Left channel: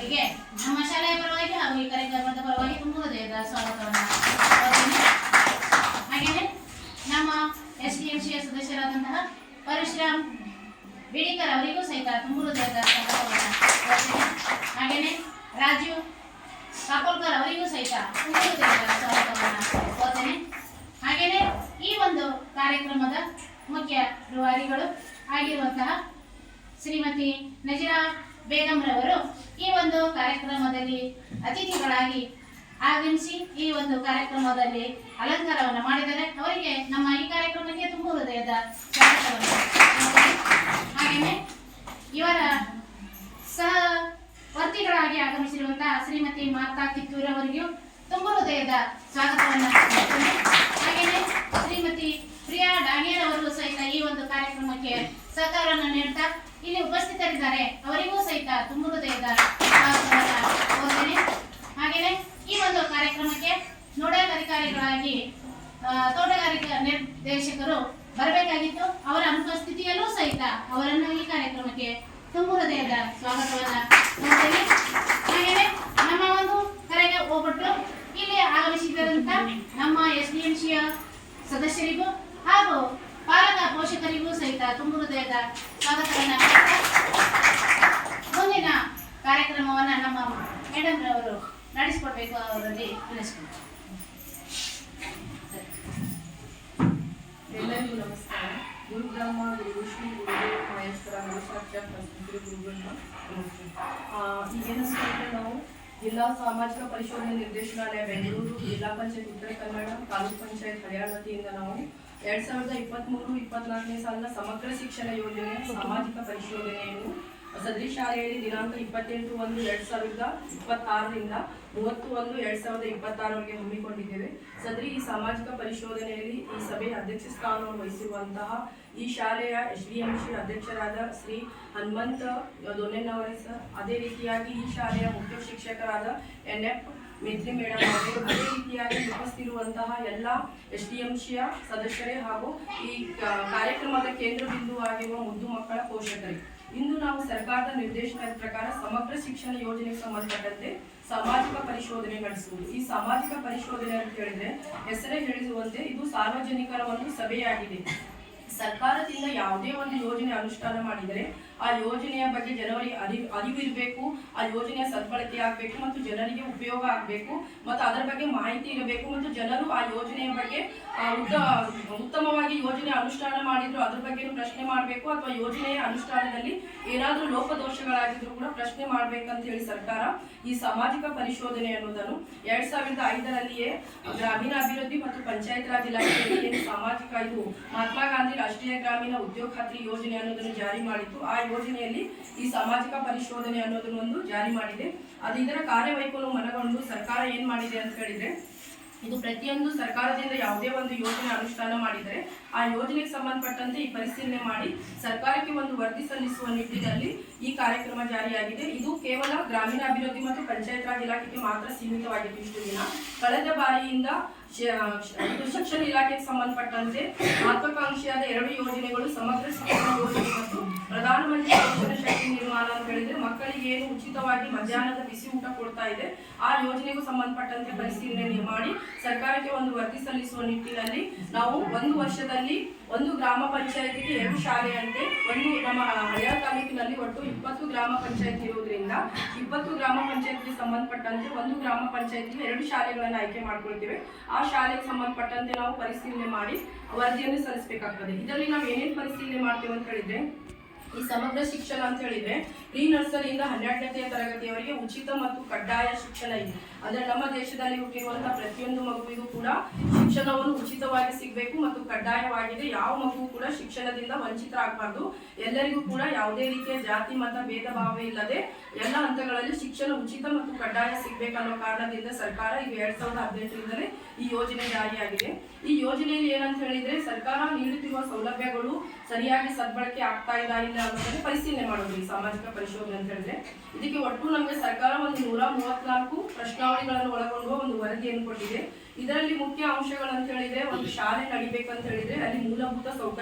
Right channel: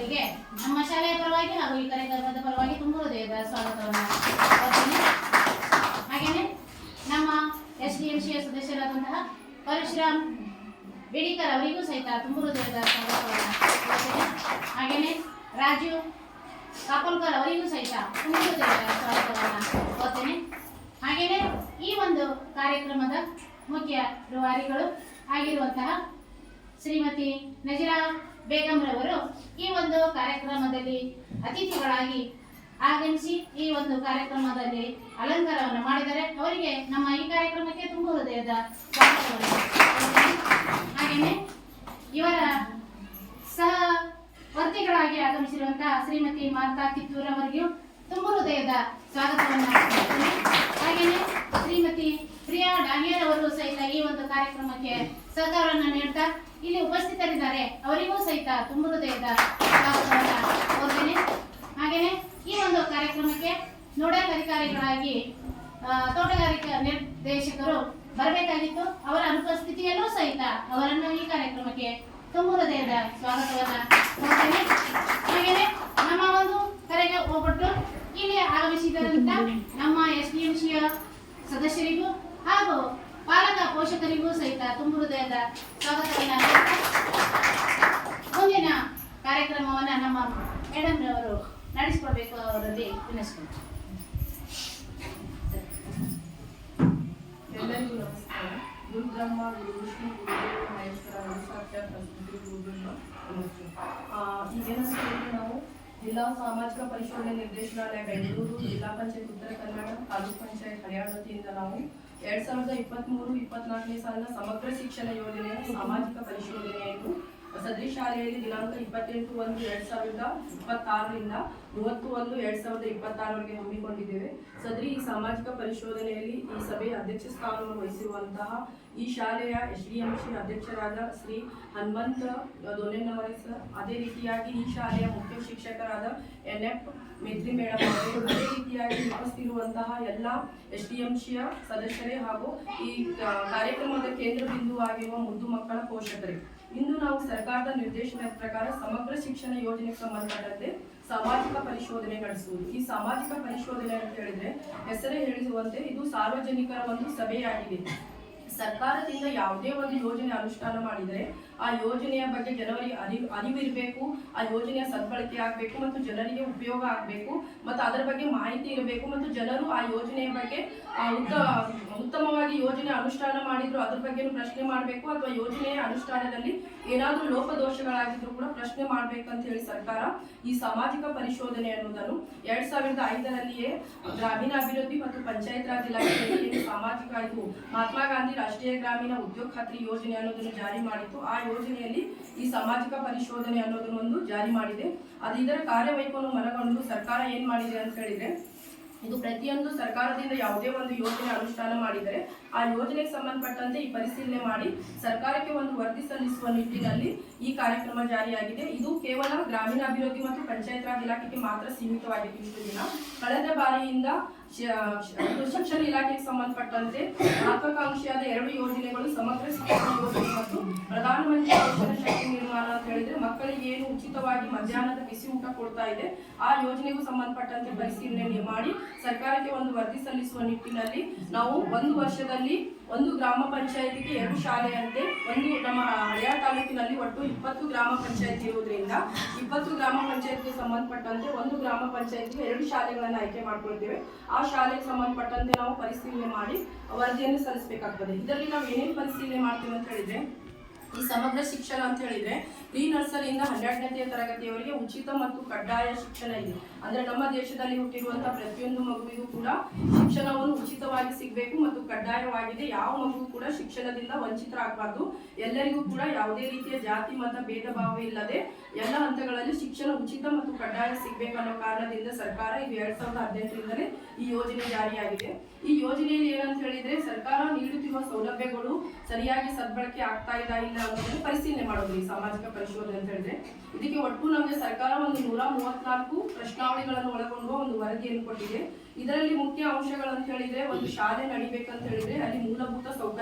ಅವರಿಗೆ ನಮ್ಮ ಶಾಲೆಯ ಪರವಾಗಿ ಹಾಗೂ ಈ ಕಾರ್ಯಕ್ರಮದ ಪರವಾಗಿ ತುಂಬ ಹೃದಯದ ಸ್ವಾಗತವನ್ನು ಕೊಡ್ತೀನಿ. ಹಾಗೆಯೇ ನಮ್ಮ SDMC ಸದಸ್ಯರಾದಂತಹ ಪರಶುರಾಮ್ ಬೇಡಿಕರ್ ಅವರಿಗೂ ಸಹಿತ ತುಂಬ ಹೃದಯದ ಸ್ವಾಗತವನ್ನು ಕೊಡ್ತೀನಿ. ಹಾಗೆಯೇ ರಾಜೀವ್ ಕಾಪೋಲ್ಕರ್ ಅವರಿಗೂ ಸಹಿತ ತುಂಬ ಹೃದಯದ ಸ್ವಾಗತವನ್ನು ಕೊಡ್ತೇನೆ. ಹಾಗೆಯೇ ಈ ಒಂದು ಕಾರ್ಯಕ್ರಮದ ಮುಖ್ಯ ರೂವಾರಿಗಳು ಆಗಿರುವಂತಹ ಶ್ರೀಮತಿ ನಜೀರಾ ಬೇಗಂರವರು ಈ ಒಂದು ಕಾರ್ಯಕ್ರಮದಲ್ಲಿ ಅತಿಥಿಗಳಾಗಿ ಆಗಮಿಸಿ ಈ ಒಂದು ಕಾರ್ಯಕ್ರಮದಲ್ಲಿ ಅಲಂಕಾರವನ್ನು ಮಾಡಿದ್ದಾರೆ. ಅವರಿಗೆ ನಮ್ಮ ಈ ಕಾರ್ಯಕ್ರಮಕ್ಕೆ ತುಂಬ ಹೃದಯದ ಸ್ವಾಗತವನ್ನು ಕೊಡ್ತೇನೆ. ಹಾಗೆಯೇ ಇವರ ಸಹ ವರ್ತಿಗಳಾಗಿ ಆಗಮಿಸಿರುವಂತಹ ಶ್ರೀಮತಿ ಮಾತಾ ಕಿತ್ತೂರ್ ಅವರಿಗೂ ತುಂಬ ಹೃದಯದ ಸ್ವಾಗತವನ್ನು ಕೊಡ್ತೇನೆ. ಹಾಗೆಯೇ ಶ್ರೀಮತಿ ಪ್ರಿಯಾ ಡಾಂಗೇರ್ ಅವರು ಸಹಿತ ಈ ಒಂದು ಕಾರ್ಯಕ್ರಮಕ್ಕೆ ಸಹಕಾರವನ್ನು ನೀಡ್ತಾ ಇಲ್ಲಿ ಉಪಸ್ಥಿತರಿದ್ದಾರೆ. ಅವರಿಗೂ ಸಹಿತ ತುಂಬ ಹೃದಯದ ಸ್ವಾಗತವನ್ನು ಕೋರ್ತೇನೆ. ಹಾಗೆಯೇ ಈ ಒಂದು ಕಾರ್ಯಕ್ರಮಕ್ಕೆ ನೋಡಲ್ ಅಧಿಕಾರಿಗಳಾಗಿ ತೋಟಗಾರಿಕಾ ನಿರ್ದೇಶಕರು ಬರಬೇಕಾಗಿತ್ತು. ಅವರ ಅನುಪಸ್ಥಿತಿಯಲ್ಲೂ ಸಹಿತ ಅವರನ್ನು ಈ ಕಾರ್ಯಕ್ರಮಕ್ಕೆ ತುಂಬ ಹೃದಯದ ಸ್ವಾಗತವನ್ನು ಕೋರ್ತೇನೆ. ಹಾಗೆಯೇ ನಮ್ಮ ಒಂದು ಕರೆಗೆ ಹೋಗ್ಬಿಟ್ಟು ಇಲ್ಲಿ ಆಗಮಿಸಿದಂತ ನಮ್ಮ SDMCಯ ಸದಸ್ಯರಿಗೂ ಹಾಗೂ ಪಾಲಕ ಪೋಷಕರಿಗೂ ಸಹಿತ ತುಂಬ ಹೃದಯದ ಸ್ವಾಗತವನ್ನು ಮುಂದಿನ ಕಾರ್ಯಕ್ರಮವನ್ನು ನಮ್ಮ ಮೇಡಮ್ ರವರು ನಡೆಸಿಕೊಡ್ಬೇಕು. ಅವರಲ್ಲಿ ವಿನಂತಿಸ್ತೀನಿ. ಎಲ್ಲರಿಗೂ ನಮಸ್ಕಾರ. ಗುರು ಬ್ರಹ್ಮ ಗುರು ವಿಷ್ಣು ಗುರುದೇವ ಮಹೇಶ್ವರ ಗುರು ಸಾಕ್ಷಾತ್ ಪರಬ್ರಹ್ಮ ಗುರು ಬ್ರಹ್ಮ ನಮಸ್ತೆ. ಈಗೇನಂದ್ರೆ ನಾವು ಜಿಲ್ಲಾ ಸಾಮಾಜಿಕ ಪರಿಶೋಧನೆ ನಿರ್ದೇಶನಾಲಯ ಬೆಂಗಳೂರು, ಜಿಲ್ಲಾ ಪಂಚಾಯತ್ ಉತ್ತರ ಕನ್ನಡ, ತಾಲೂಕ್ ಪಂಚಾಯತ್ ಹರಿಯಾಣ ವತಿಯಿಂದ ನಾವು 2023-24ನೇ ಸಾಲಿನ ಸಮಗ್ರ ಶಿಕ್ಷಣ ಯೋಜನೆಯ ಸಾಮಾಜಿಕ ಪರಿಶೋಧನೆಯನ್ನು ಸದರಿ ಶಾಲೆಯಲ್ಲಿ ದಿನಾಂಕ 28/1/2026ರಿಂದ 30/1/2026ವರೆಗೆ ಹಮ್ಮಿಕೊಂಡಿದ್ದೇವೆ. ಸದರಿ ಈ ಸಾಮಾಜಿಕ ಪರಿಶೋಧನೆಯಲ್ಲಿ ಈ ಸಭೆಯ ಅಧ್ಯಕ್ಷ ಸ್ಥಾನವನ್ನು ವಹಿಸಿರುವಂತಹ ಈ ಶಾಲೆಯ SDMC ಅಧ್ಯಕ್ಷರಾದ ಶ್ರೀ ಹನುಮಂತ ದೊನೆನ್ನವರೇ ಸರ್, ಅದೇ ರೀತಿಯಾಗಿ ಈ ಶಾಲೆಯ ಮುಖ್ಯ ಶಿಕ್ಷಕರಾದ NF ಮೇತ್ರಿ ಮೇಡಮ್ ಅವರು, ಅದೇ ರೀತಿಯಾಗಿ ಉಪಸ್ಥಿತಿರುವಂತಹ ಎಲ್ಲ SDMCಯ ಸದಸ್ಯರೇ ಹಾಗೂ ಈ ಕಾರ್ಯಕ್ರಮದ ಕೇಂದ್ರ ಬಿಂದುವಾಗಿರುವ ಮುದ್ದು ಮಕ್ಕಳ ಪೋಷಕರಿಗೆ, ಇಂದು ನಾವು ಸರ್ಕಾರದ ನಿರ್ದೇಶನದ ಪ್ರಕಾರ ಸಮಗ್ರ ಶಿಕ್ಷಣ ಯೋಜನೆಗೆ ಸಂಬಂಧಪಟ್ಟಂತೆ ಸಾಮಾಜಿಕ ಪರಿಶೋಧನೆ ನಡೆಸುವುದು. ಈ ಸಾಮಾಜಿಕ ಪರಿಶೋಧನೆ ಅಂತ ಹೇಳಿದ್ರೆ ಹೆಸರೇ ಹೇಳಿಸುವಂತೆ ಇದು ಸಾರ್ವಜನಿಕರ ಒಂದು ಸಭೆಯಾಗಿದೆ. ಸರ್ಕಾರದಿಂದ ಯಾವುದೇ ಒಂದು ಯೋಜನೆ ಅನುಷ್ಠಾನ ಮಾಡಿದರೆ ಆ ಯೋಜನೆಯ ಬಗ್ಗೆ ಜನರಿಗೆ ಅರಿವಿರಬೇಕು, ಆ ಯೋಜನೆಯ ಸದ್ಬಳಕೆ ಆಗಬೇಕು ಮತ್ತು ಜನರಿಗೆ ಉಪಯೋಗ ಆಗಬೇಕು ಮತ್ತು ಅದರ ಬಗ್ಗೆ ಮಾಹಿತಿ ಇರಬೇಕು ಮತ್ತು ಜನರು ಆ ಯೋಜನೆಯ ಬಗ್ಗೆ ಉತ್ತಮವಾಗಿ ಯೋಜನೆ ಅನುಷ್ಠಾನ ಮಾಡಿದ್ರು ಅದ್ರ ಬಗ್ಗೆ ಪ್ರಶ್ನೆ ಮಾಡಬೇಕು ಅಥವಾ ಯೋಜನೆಯ ಅನುಷ್ಠಾನದಲ್ಲಿ ಏನಾದರೂ ಲೋಪದೋಷಗಳಾಗಿದ್ರು ಕೂಡ ಪ್ರಶ್ನೆ ಮಾಡ್ಬೇಕಂತ ಹೇಳಿ ಸರ್ಕಾರ ಈ ಸಾಮಾಜಿಕ ಪರಿಶೋಧನೆ ಅನ್ನೋದನ್ನು 2005ರಲ್ಲಿಯೇ ಗ್ರಾಮೀಣಾಭಿವೃದ್ಧಿ ಮತ್ತು ಪಂಚಾಯತ್ ರಾಜ್ ಇಲಾಖೆಯಲ್ಲಿ ಸಾಮಾಜಿಕ ಇದು ಮಹಾತ್ಮ ಗಾಂಧಿ ರಾಷ್ಟ್ರೀಯ ಗ್ರಾಮೀಣ ಉದ್ಯೋಗ ಖಾತ್ರಿ ಯೋಜನೆ ಅನ್ನೋದನ್ನು ಜಾರಿ ಮಾಡಿತ್ತು. ಆ ಯೋಜನೆಯಲ್ಲಿ ಈ ಸಾಮಾಜಿಕ ಪರಿಶೋಧನೆ ಅನ್ನೋದನ್ನೊಂದು ಜಾರಿ ಮಾಡಿದೆ. ಅದು ಇದರ ಕಾರ್ಯವೈಖರಿಯನ್ನು ಮನಗೊಂಡು ಸರ್ಕಾರ ಏನ್ ಮಾಡಿದೆ ಅಂತ ಹೇಳಿದ್ರೆ, ಇದು ಪ್ರತಿಯೊಂದು ಸರ್ಕಾರದಿಂದ ಯಾವುದೇ ಒಂದು ಯೋಜನೆ ಅನುಷ್ಠಾನ ಮಾಡಿದರೆ ಆ ಯೋಜನೆಗೆ ಸಂಬಂಧಪಟ್ಟಂತೆ ಈ ಪರಿಶೀಲನೆ ಮಾಡಿ ಸರ್ಕಾರಕ್ಕೆ ಒಂದು ವರದಿ ಸಲ್ಲಿಸುವ ನಿಟ್ಟಿನಲ್ಲಿ ಈ ಕಾರ್ಯಕ್ರಮ ಜಾರಿಯಾಗಿದೆ. ಇದು ಕೇವಲ ಗ್ರಾಮೀಣಾಭಿವೃದ್ಧಿ ಮತ್ತು ಪಂಚಾಯತ್ ರಾಜ್ ಇಲಾಖೆಗೆ ಮಾತ್ರ ಸೀಮಿತವಾಗಿತ್ತು ಇಷ್ಟು ದಿನ. ಕಳೆದ ಬಾರಿಯಿಂದ ಶಿಕ್ಷಣ ಇಲಾಖೆಗೆ ಸಂಬಂಧಪಟ್ಟಂತೆ ಮಹತ್ವಾಕಾಂಕ್ಷಿಯಾದ 2 ಯೋಜನೆಗಳು, ಸಮಗ್ರ ಶಿಕ್ಷಣ ಯೋಜನೆ ಮತ್ತು ಪ್ರಧಾನಮಂತ್ರಿ ಕೌಶಲ್ಯ ಶಕ್ತಿ ನಿರ್ಮಾಣ ಅಂತ ಹೇಳಿದ್ರೆ ಮಕ್ಕಳಿಗೆ ಏನು ಉಚಿತವಾಗಿ ಮಧ್ಯಾಹ್ನದ ಬಿಸಿ ಊಟ ಕೊಡ್ತಾ ಇದೆ ಆ ಯೋಜನೆಗೂ ಸಂಬಂಧಪಟ್ಟಂತೆ ಪರಿಶೀಲನೆ ಮಾಡಿ ಸರ್ಕಾರಕ್ಕೆ ಒಂದು ವರದಿ ಸಲ್ಲಿಸುವ ನಿಟ್ಟಿನಲ್ಲಿ ನಾವು ಒಂದು ವರ್ಷದಲ್ಲಿ ಒಂದು ಗ್ರಾಮ ಪಂಚಾಯತಿಗೆ 2 ಶಾಲೆಯಂತೆ ಒಂದು ನಮ್ಮ ಹಳೆಯ ತಾಲೂಕಿನಲ್ಲಿ ಒಟ್ಟು 20 ಗ್ರಾಮ ಪಂಚಾಯತ್ ಇರುವುದರಿಂದ 20 ಗ್ರಾಮ ಪಂಚಾಯತ್ಗೆ ಸಂಬಂಧಪಟ್ಟಂತೆ ಒಂದು ಗ್ರಾಮ ಪಂಚಾಯತ್ಗೆ 2 ಶಾಲೆಗಳನ್ನು ಆಯ್ಕೆ ಮಾಡ್ಕೊಳ್ತೇವೆ. ಆ ಶಾಲೆಗೆ ಸಂಬಂಧಪಟ್ಟಂತೆ ನಾವು ಪರಿಶೀಲನೆ ಮಾಡಿ ವರದಿಯನ್ನು ಸಲ್ಲಿಸಬೇಕಾಗ್ತದೆ. ಇದರಲ್ಲಿ ನಾವು ಏನೇನು ಪರಿಶೀಲನೆ ಮಾಡ್ತೇವೆ ಅಂತ ಹೇಳಿದ್ರೆ, ಈ ಸಮಗ್ರ ಶಿಕ್ಷಣ ಅಂತ ಹೇಳಿದ್ರೆ ಪ್ರೀ ನರ್ಸರಿಯಿಂದ 12ನೇ ತರಗತಿಯವರೆಗೆ ಉಚಿತ ಮತ್ತು ಕಡ್ಡಾಯ ಶಿಕ್ಷಣ ಇದೆ. ಅಂದ್ರೆ ನಮ್ಮ ದೇಶದಲ್ಲಿ ಹುಟ್ಟಿರುವಂತಹ ಪ್ರತಿಯೊಂದು ಮಗುವಿಗೂ ಕೂಡ ಶಿಕ್ಷಣವನ್ನು ಉಚಿತವಾಗಿ ಸಿಗಬೇಕು ಮತ್ತು ಕಡ್ಡಾಯವಾಗಿದೆ. ಯಾವ ಮಗು ಕೂಡ ಶಿಕ್ಷಣದಿಂದ ವಂಚಿತರಾಗಬಾರ್ದು. ಎಲ್ಲರಿಗೂ ಕೂಡ ಯಾವುದೇ ರೀತಿಯ ಜಾತಿ ಮತ ಭೇದ ಭಾವ ಇಲ್ಲದೆ ಎಲ್ಲ ಹಂತಗಳಲ್ಲಿ ಶಿಕ್ಷಣ ಉಚಿತ ಮತ್ತು ಕಡ್ಡಾಯ ಸಿಗಬೇಕನ್ನೋ ಕಾರಣದಿಂದ ಸರ್ಕಾರ ಇದು 2018ರಿಂದಲೇ ಈ ಯೋಜನೆ ಜಾರಿಯಾಗಿದೆ. ಈ ಯೋಜನೆಯಲ್ಲಿ ಏನಂತ ಹೇಳಿದ್ರೆ ಸರ್ಕಾರ ನೀಡುತ್ತಿರುವ ಸೌಲಭ್ಯಗಳು ಸರಿಯಾಗಿ ಸದ್ಬಳಕೆ ಆಗ್ತಾ ಇಲ್ಲ ಅನ್ನೋದನ್ನು ಪರಿಶೀಲನೆ ಮಾಡೋದು ಈ ಸಾಮಾಜಿಕ ಪರಿಶೋಧನೆ ಅಂತ ಹೇಳಿದ್ರೆ. ಇದಕ್ಕೆ ಒಟ್ಟು ನಮಗೆ ಸರ್ಕಾರ ಒಂದು 134 ಪ್ರಶ್ನಾವಳಿಗಳನ್ನು ಒಳಗೊಂಡು ಒಂದು ವರದಿಯನ್ನು ಕೊಟ್ಟಿದೆ. ಇದರಲ್ಲಿ ಮುಖ್ಯ ಅಂಶಗಳಂತ ಹೇಳಿದ್ರೆ, ಒಂದು ಶಾಲೆ ನಡಿಬೇಕಂತ ಹೇಳಿದ್ರೆ ಅಲ್ಲಿ ಮೂಲಭೂತ ಸೌಕರ್ಯ